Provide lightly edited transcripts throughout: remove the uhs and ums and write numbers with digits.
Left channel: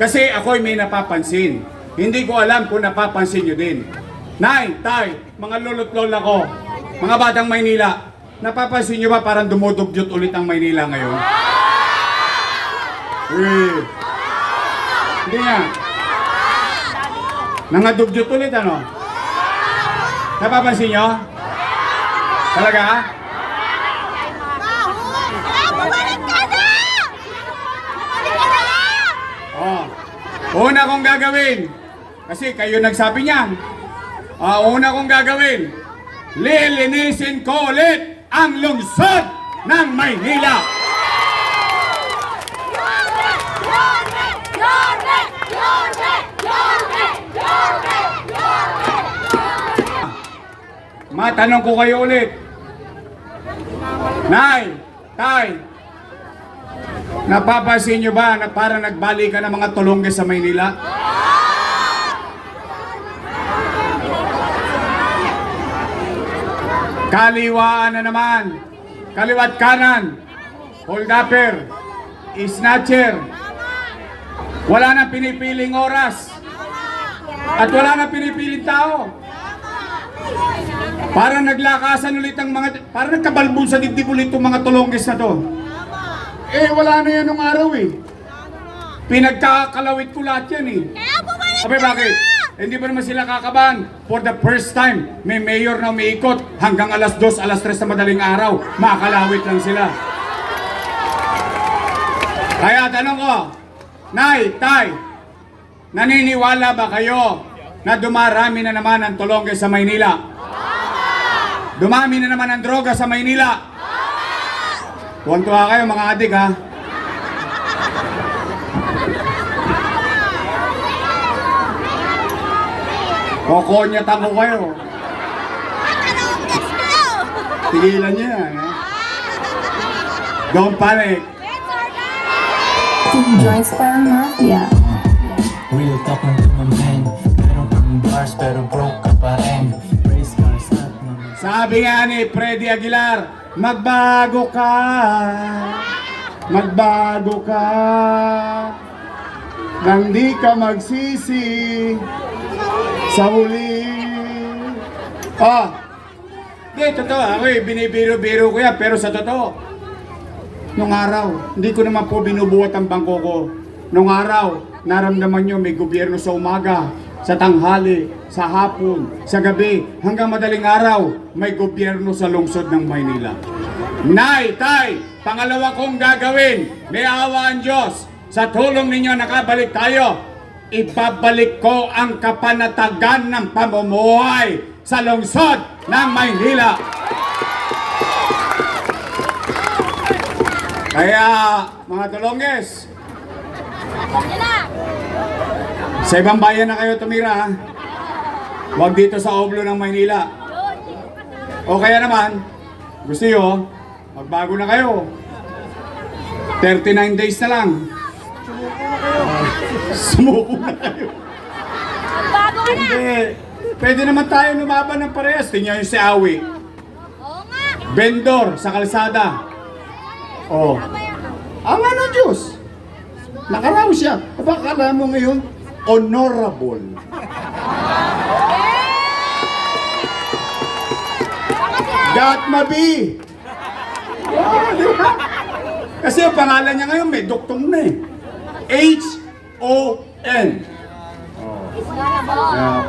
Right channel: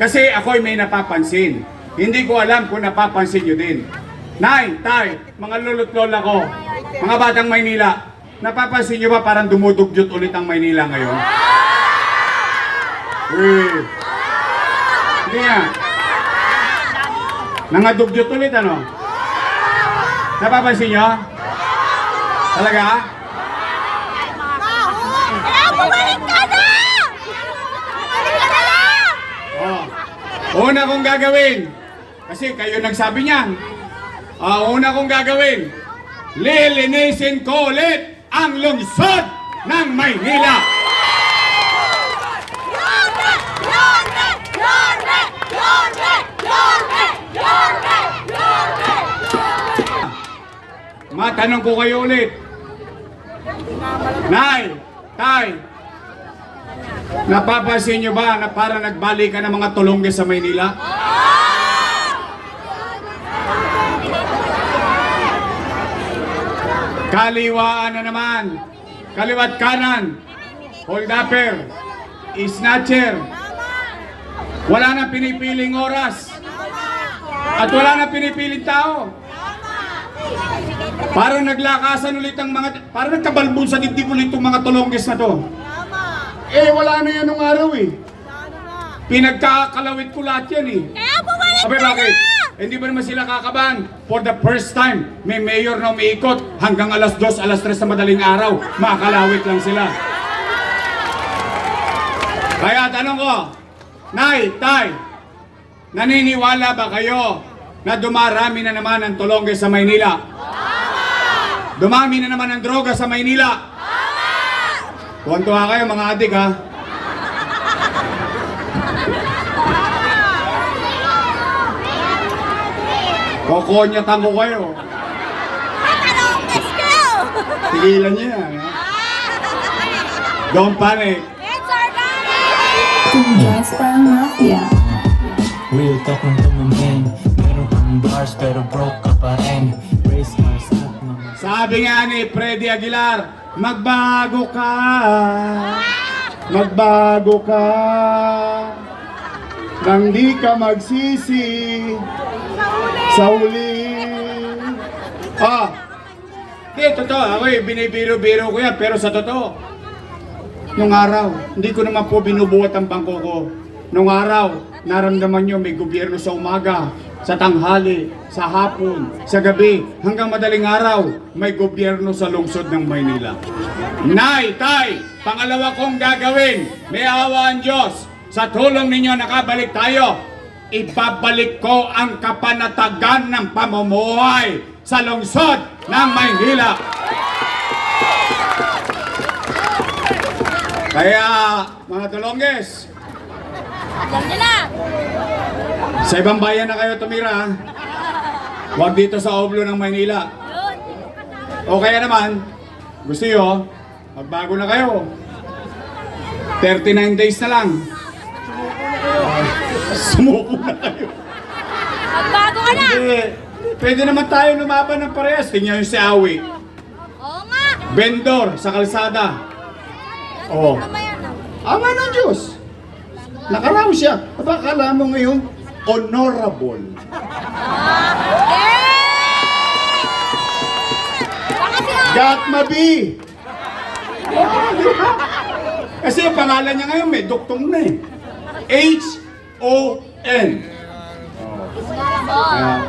Kasi ako'y may napapansin. Hindi ko alam kung napapansin nyo din. Nay, tay, mga lolo't lola ko, mga batang Maynila, napapansin nyo ba parang dumudugyot ulit ang Maynila ngayon? Hindi nga. Nangadugyot ulit ano? Napapansin nyo? Talaga? Bumalik ka na! Oh. Una kong gagawin, kasi kayo nagsabi niyan, una kong gagawin, lilinisin ko ulit ang lungsod ng Maynila. Matanong ko kayo ulit. Nay, tay, napapansin nyo ba na parang nagbalik ka ng mga tulongge sa Maynila? Kaliwaan na naman, kaliwat kanan, hold-upper, snatcher, wala nang pinipiling oras, at wala nang pinipiling tao. Parang naglakasan ulit ang mga, parang nagkabalbon sa dibdib ulit itong mga tulongges na to. Eh, wala na yan nung araw eh. Pinagkakalawit ko lahat yan eh. Abay, bakit? Hindi ba naman sila kakabahan? For the first time, may mayor na umiikot hanggang alas 2, alas 3 na madaling araw. Makakalawit lang sila. Kaya tanong ko, Nay, Tay, naniniwala ba kayo na dumarami na naman ang tulongge sa Maynila? Dumami na naman ang droga sa Maynila? Tuwan-tuwa kayo mga adik ha? Kokonyatan ko kayo. Tigilan niyo yan. Don't panic. Joyce parang mafia. Real talk ng tumumeng. Meron kang bars pero broke ka pa rin. Raise cars up naman. Sabi nga ni Freddy Aguilar, magbago ka. Magbago ka. Nang di ka magsisi sa huli. Di, totoo. Ako binibiro-biro ko yan. Pero sa totoo, nung araw, hindi ko naman po binubuhat ang bangko ko. Nung araw, naramdaman nyo may gobyerno sa umaga, sa tanghali, sa hapon, sa gabi, hanggang madaling araw, may gobyerno sa lungsod ng Maynila. Nay, Tay, pangalawa kong gagawin, may awa ang Diyos. Sa tulong ninyo nakabalik tayo, ibabalik ko ang kapanatagan ng pamumuhay sa lungsod ng Maynila. Kaya, mga tulongges, sa ibang bayan na kayo tumira, huwag dito sa Oblo ng Maynila. O kaya naman, gusto nyo, magbago na kayo. 39 days na lang. Sumuko na kayo. Bago ka na! Hindi. Pwede naman tayo lumaban ng parehas. Tingnan nyo si Awi. Oo nga! Vendor sa kalsada. Oh. Ama ng Diyos. Nakarami siya. Akala mo ngayon, honorable. Gatmabi. Kasi ang pangalan niya ngayon may doktong na eh. H-O-N.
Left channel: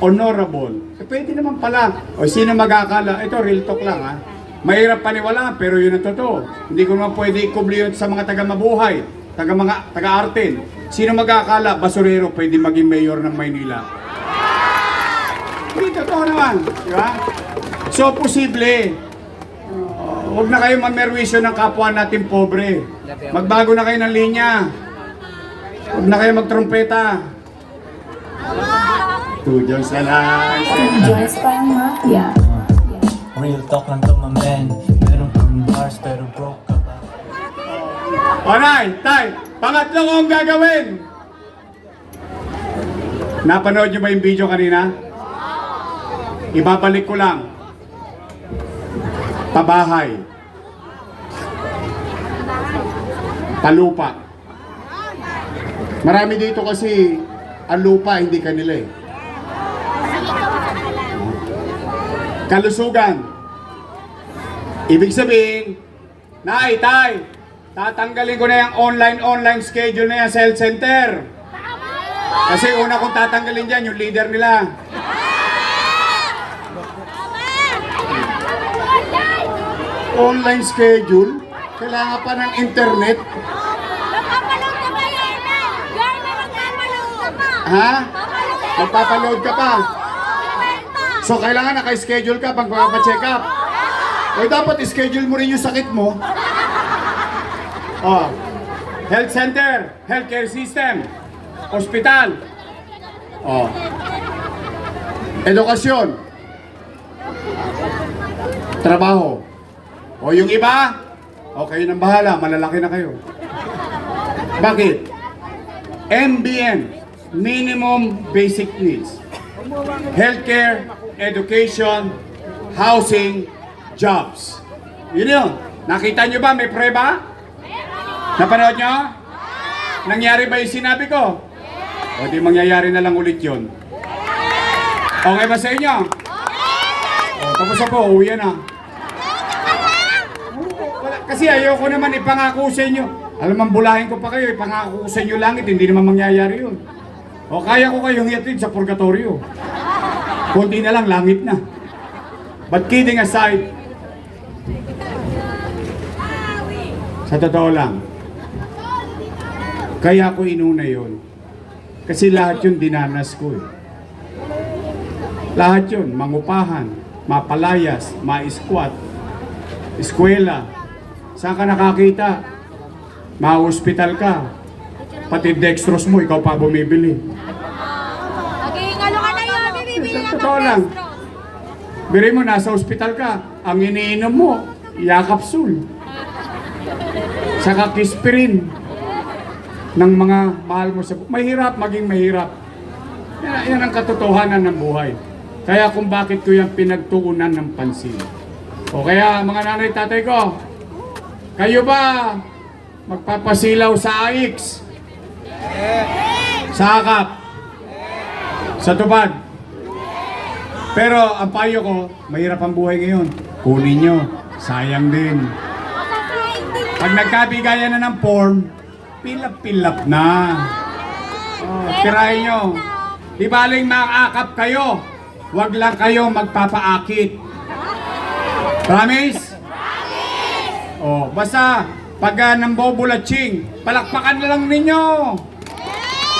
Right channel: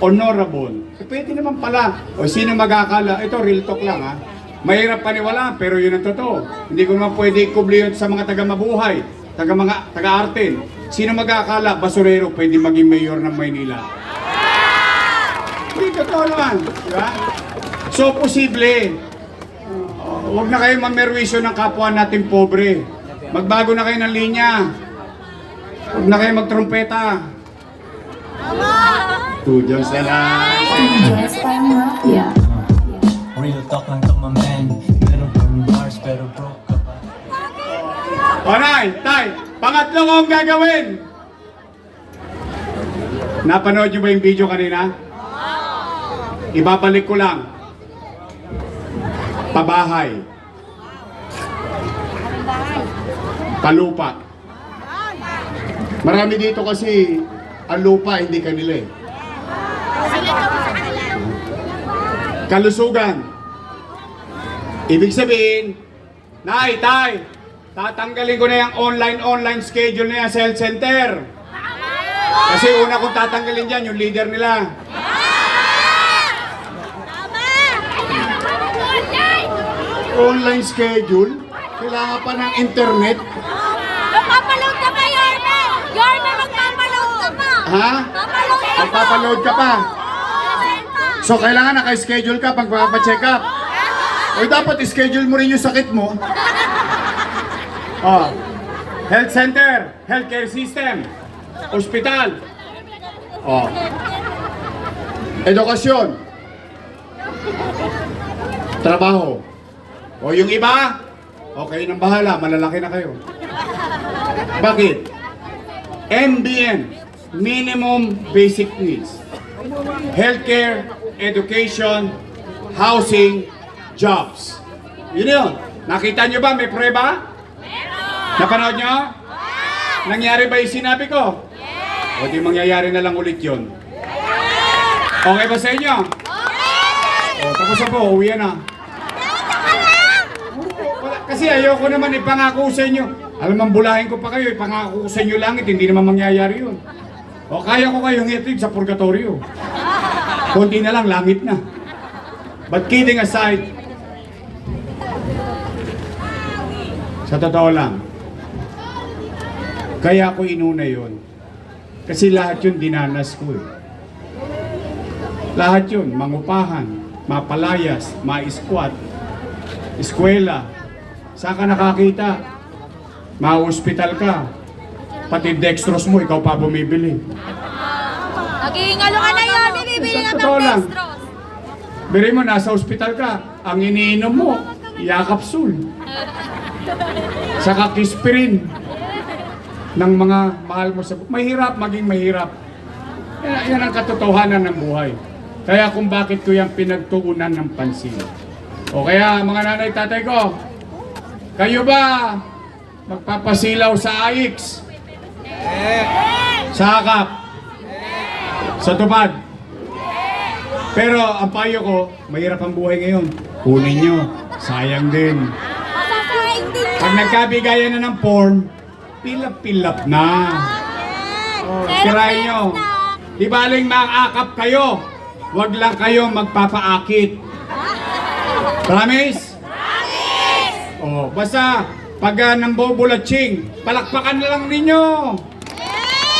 Honorable. Pwede naman pala. O sino mag-akala? Ito, real talk lang ha. Mahirap paniwalaan, pero yun ang totoo. Hindi ko naman pwede ikubli yun sa mga taga-mabuhay, taga-artin. Sino mag-akala, basurero, pwede maging mayor ng Maynila? Hindi totoo naman. Di ba? So, posible. Huwag na kayo mamerwisyo ng kapwa natin pobre. Magbago na kayo ng linya. Huwag na kayo magtrumpeta. Tudyos na lang. Joyce parang mafia. Real talk ng tumumeng. Meron kang bars pero broke ka pa. Panay, Tay, pangatlo kong gagawin. Napanood nyo ba yung video kanina? Ibabalik ko lang. Pabahay. Palupa. Marami dito kasi ang lupa hindi kanila eh. Sige ka sa kanila. Kalusugan. Ibig sabihin, Nay, Tay, tatanggalin ko na yung online schedule na yan sa health center. Kasi una kong tatanggalin dyan, yung leader nila. Online schedule? Kailangan pa ng internet? Magpapaload ka pa, Yorme! Yorme, magpapaload ka pa! Ha? Magpapaload ka pa? So kailangan naka-schedule ka pag papacheck up. O dapat schedule mo rin yung sakit mo. Oh. Health center, healthcare system, ospital. Oh. Edukasyon. Trabaho. O yung iba, okay nang bahala, malalaki na kayo. Bakit? MBN, Minimum Basic Needs. Healthcare, education, housing, jobs. Yun yun. Nakita nyo ba? May prueba? Napanood nyo? Nangyari ba yung sinabi ko? O di mangyayari na lang ulit yun. Okay ba sa inyo? O, tapos na po, uwi na. Kasi ayoko naman ipangako sa inyo. Alam, bulahin ko pa kayo, ipangako ko sa inyo langit, hindi naman mangyayari yun. O kaya ko kayong iatid sa purgatorio. Kunti na lang, langit na. But kidding aside, sa totoo lang, kaya ko inuna yun. Kasi lahat yun dinanas ko eh. Lahat yun, mangupahan, mapalayas, ma-squat, eskwela. Saan ka nakakita? Ma-hospital ka. Pati dextrose mo, ikaw pa bumibili. Naging ano ka na yun, bibili na Totoo pang lang. dextrose. Biri mo, nasa ospital ka. Ang iniinom mo, yakapsul. Saka kispirin ng mga mahal mo sa buhay. Mahirap maging mahirap. Yan ang katotohanan ng buhay. Kaya kung bakit ko yung pinagtuunan ng pansin. O kaya mga nanay tatay ko, kayo ba magpapasilaw sa AIX? Sa akap? Sa tubad? Pero ang payo ko, mahirap ang buhay ngayon. Kunin nyo, sayang din. Pag nagkabigayan na ng form, pilap-pilap na. Oh, tirahin nyo. Di baling makakap kayo. Huwag lang kayo magpapaakit. Promise? Promise! Oh, basta pag ng bobulatsing, palakpakan na lang ninyo.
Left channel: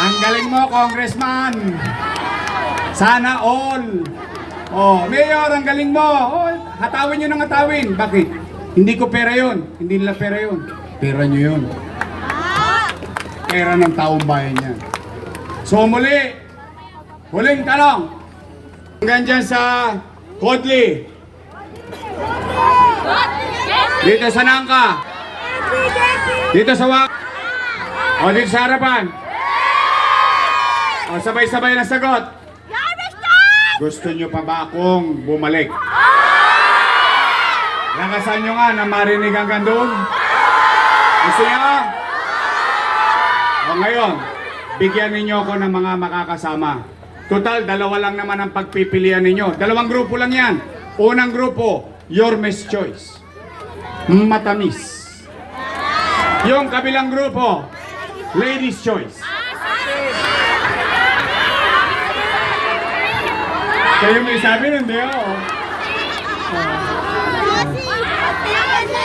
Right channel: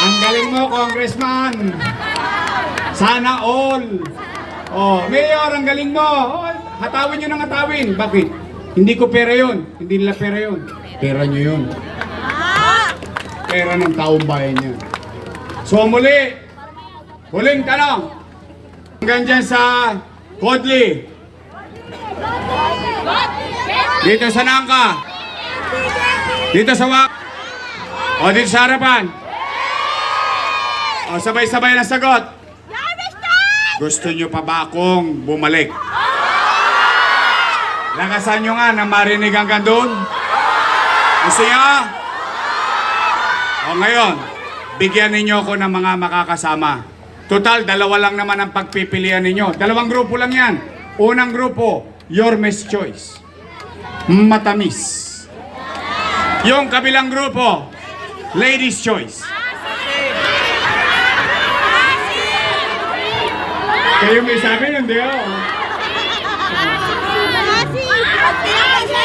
Ang galing mo, Congressman. Sana all. Oh, Mayor, ang galing mo. Oh, hatawin nyo ng hatawin. Bakit? Hindi ko pera yun. Hindi nila pera yun. Pera nyo yun. Pera ng taong bayan niya. So muli, huling tanong. Hanggang dyan sa Kodli. Dito sa Nangka. Dito sa Wak. O dito sa harapan. O sabay-sabay na sagot. Gusto nyo pa ba akong bumalik? Lakasan nyo nga na marinig hanggang doon. Gusto nyo? O ngayon, bigyan ninyo ako ng mga makakasama. Total, dalawa lang naman ang pagpipilian ninyo. Dalawang grupo lang yan. Unang grupo, Yorme's Choice. Matamis. Yung kabilang grupo, Ladies' Choice. Kayo may sabi nun, di ako.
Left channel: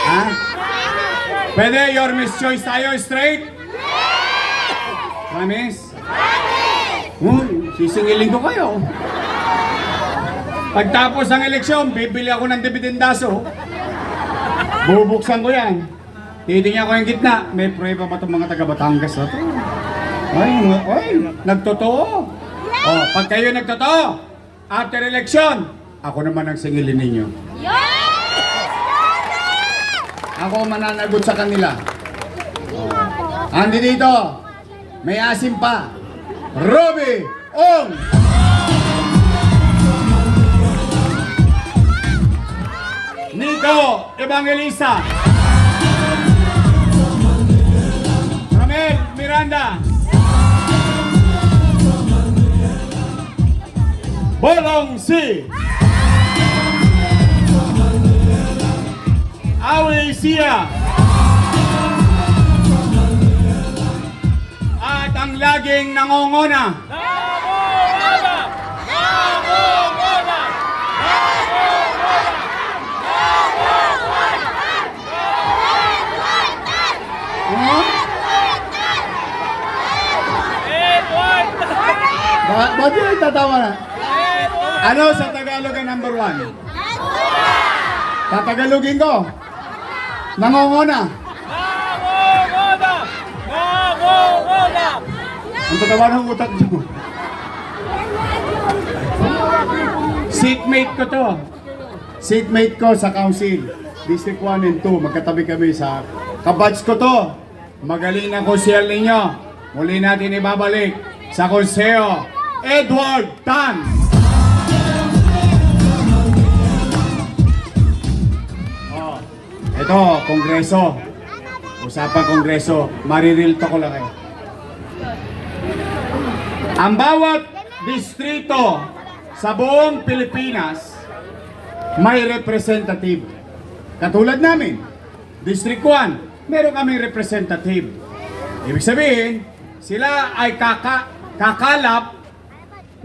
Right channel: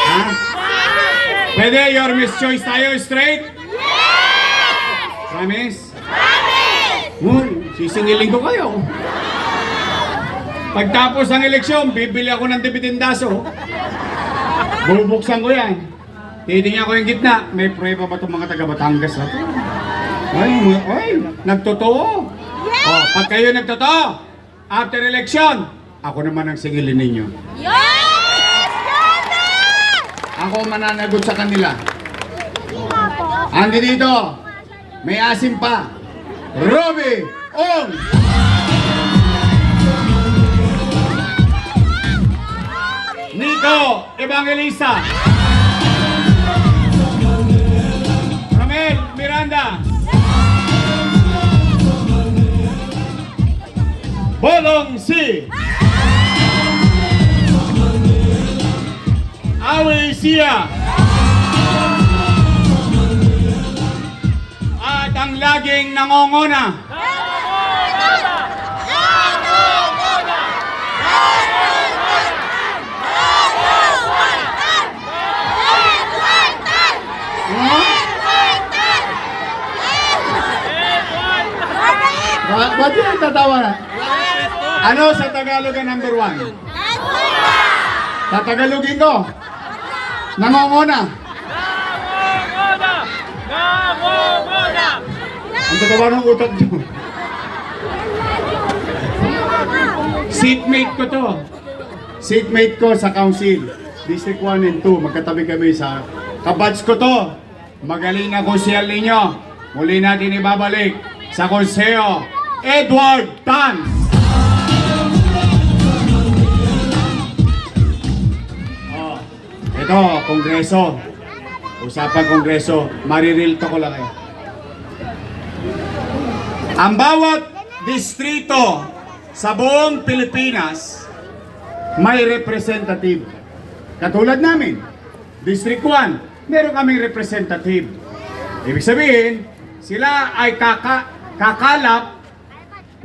Ha? Pwede, Yorme's Choice tayo, straight? Promise? Sisingilin ko kayo. Pagtapos ng eleksyon, bibili ako ng dibidendaso. Bubuksan ko yan. Titingnan ko yung gitna. May prueba ba itong mga taga-Batangas na ito? Ay, nagtotoo. Oh, pag kayo nagtotoo, after election, ako naman ang singilin ninyo. Ako mananagot sa kanila. Andi dito, may asim pa. Roby Ong! Nico Evangelista. Romel Miranda. Kong Si. Awe Sia. At ang laging nangongona. Ba't yun tatawa na? Ano sa Tagalog ang number 1? Tatagalogin ko. Nangongona. Ang tatawa ng utak nyo. Seatmate ko to. Seatmate ko sa council. District 1 and 2. Magkatabi kami sa kabats ko to. Magaling na konsyel ninyo. Muli natin ibabalik sa konseyo. Edward Tan. Oh, ito, kongreso. Usapan kongreso. Marireal to ko lang eh. Ang bawat distrito sa buong Pilipinas may representative. Katulad namin, District 1, meron kaming representative. Ibig sabihin, sila ay kakalap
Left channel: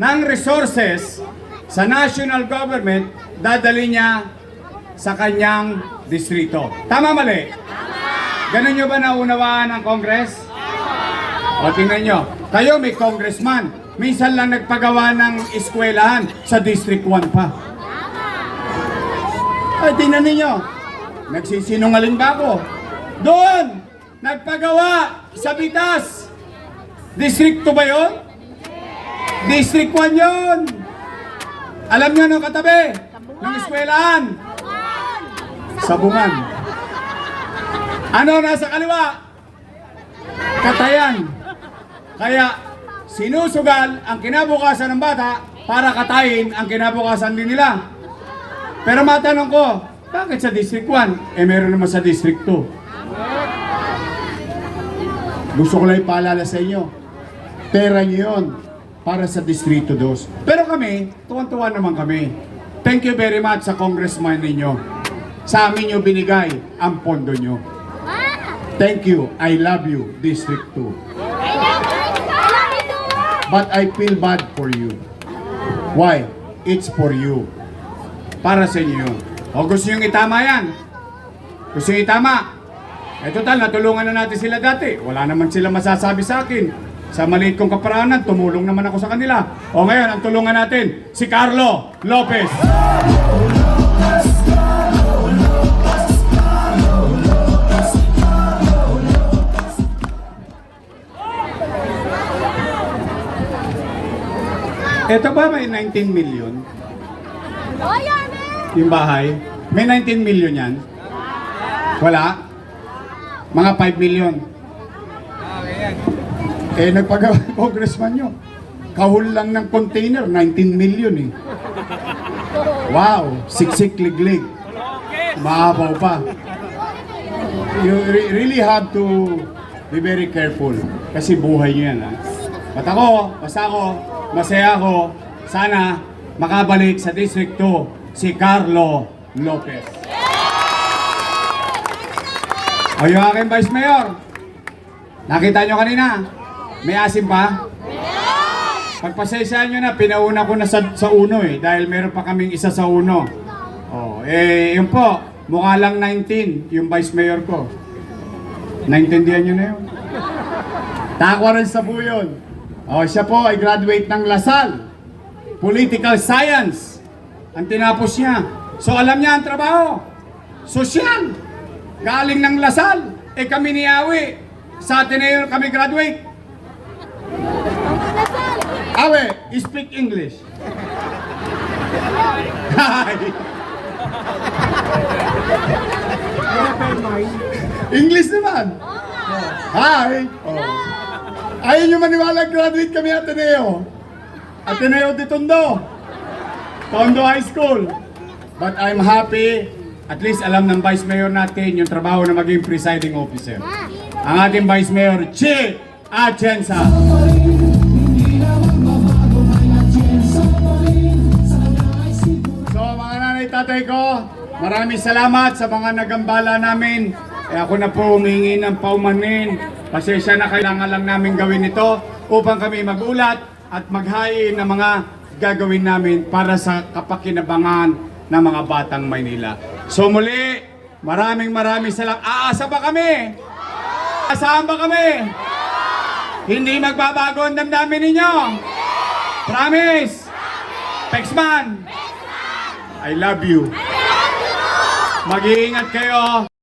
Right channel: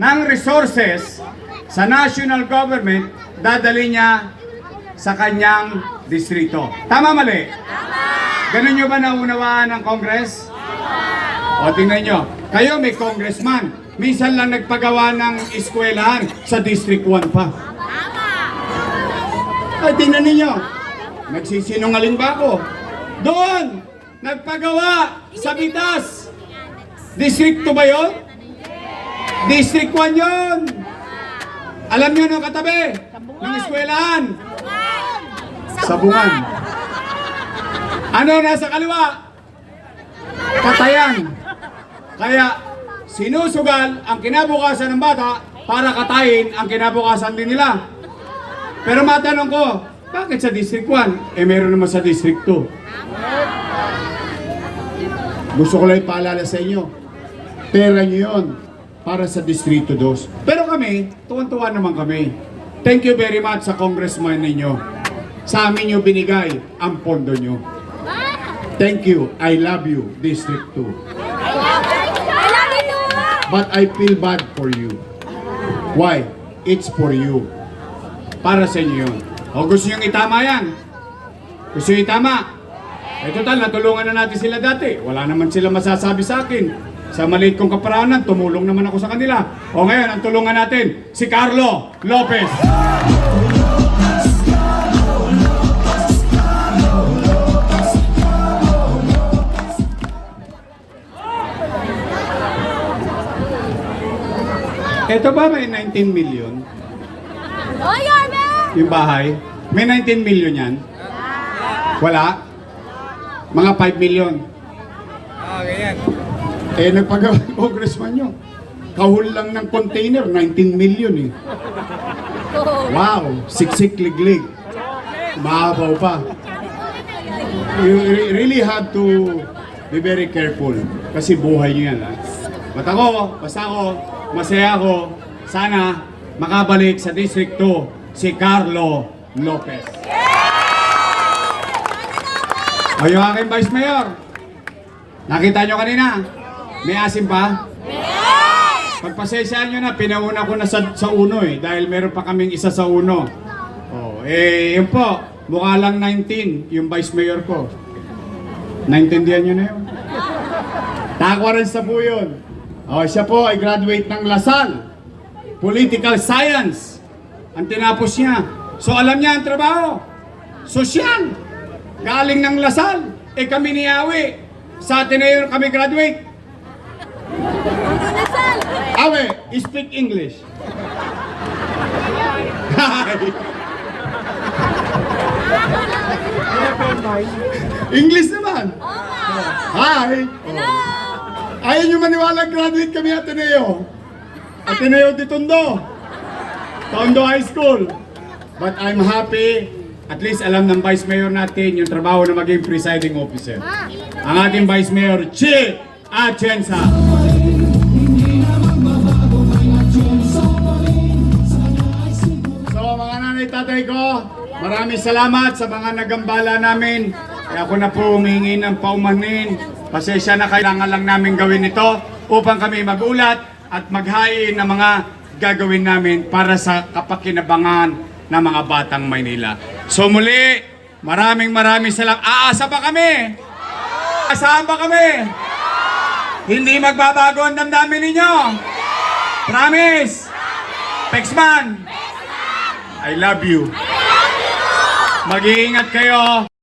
ng resources sa national government, dadali niya sa kanyang distrito. Tama mali? Ganun nyo ba naunawaan ng Congress? O tingnan nyo, kayo may congressman, minsan lang nagpagawa ng eskwelahan sa District 1 pa. Ay, tingnan ninyo, nagsisinungaling ba ako? Doon, nagpagawa sa Bitas. District 2 ba yun? District 1 yun. Alam nyo nung katabi ng eskwelahan? Sabungan. Ano nasa kaliwa? Katayan. Kaya sinusugal ang kinabukasan ng bata para katayin ang kinabukasan din nila. Pero matanong ko, bakit sa District 1? Eh meron naman sa District 2. Gusto ko lang ipaalala sa inyo. Pera nyo yun para sa Distrito 2. Pero kami, tuwan-tuwa naman kami. Thank you very much sa congressman ninyo. Sa amin nyo binigay ang pondo nyo. Thank you. I love you, District 2. But I feel bad for you. Why? It's for you. Para sa inyo yun. O gusto nyo itama yan? Gusto nyo itama? Eh total, natulungan na natin sila dati. Wala naman sila masasabi sa akin. Sa maliit kong kaparanan, tumulong naman ako sa kanila. O ngayon, ang tulungan natin, si Carlo Lopez. Ito ba may 19 million? Yung bahay? May 19 million yan? Wala? Mga 5 million? Eh, nagpagawa ng congressman nyo. Kahul lang ng container, 19 million eh. Wow, siksik liglig. Mahabaw pa. You really have to be very careful. Kasi buhay nyo yan lang. Basta ako, masaya ako. Sana makabalik sa District 2 si Carlo Lopez. O yung aking Vice Mayor. Nakita nyo kanina? May asim pa? Pagpasaysaan nyo na, pinauna ko na sa uno eh. Dahil meron pa kaming isa sa uno. Oh, yun po. Mukha lang 19 yung Vice Mayor ko. Naintindihan nyo na yun? Takwa rin sa po yun. Oh, siya po ay graduate ng LaSalle. Political Science. Ang tinapos niya. So alam niya ang trabaho. Sosyal. Galing ng LaSalle. Eh kami ni Awi. Sa Ateneo kami graduate. Awe, speak English. Hi. English naman. Hi. Oh. Ayaw nyo maniwala, graduate kami Ateneo. Ateneo de Tondo. Tondo High School. But I'm happy, at least alam ng Vice Mayor natin yung trabaho na maging presiding officer. Ang ating Vice Mayor, Chi Atienza. maraming salamat sa mga nagambala namin. Kaya ako na po humingi ng paumanhin. Pasensya na, kailangan lang namin gawin ito upang kami magulat at maghain ng mga gagawin namin para sa kapakinabangan ng mga batang Maynila. So muli, maraming salamat. Aasa ba kami? Asahan ba kami? Hindi magbabago ang damdamin ninyo? Promise? Pexman? I love you. Mag-iingat kayo.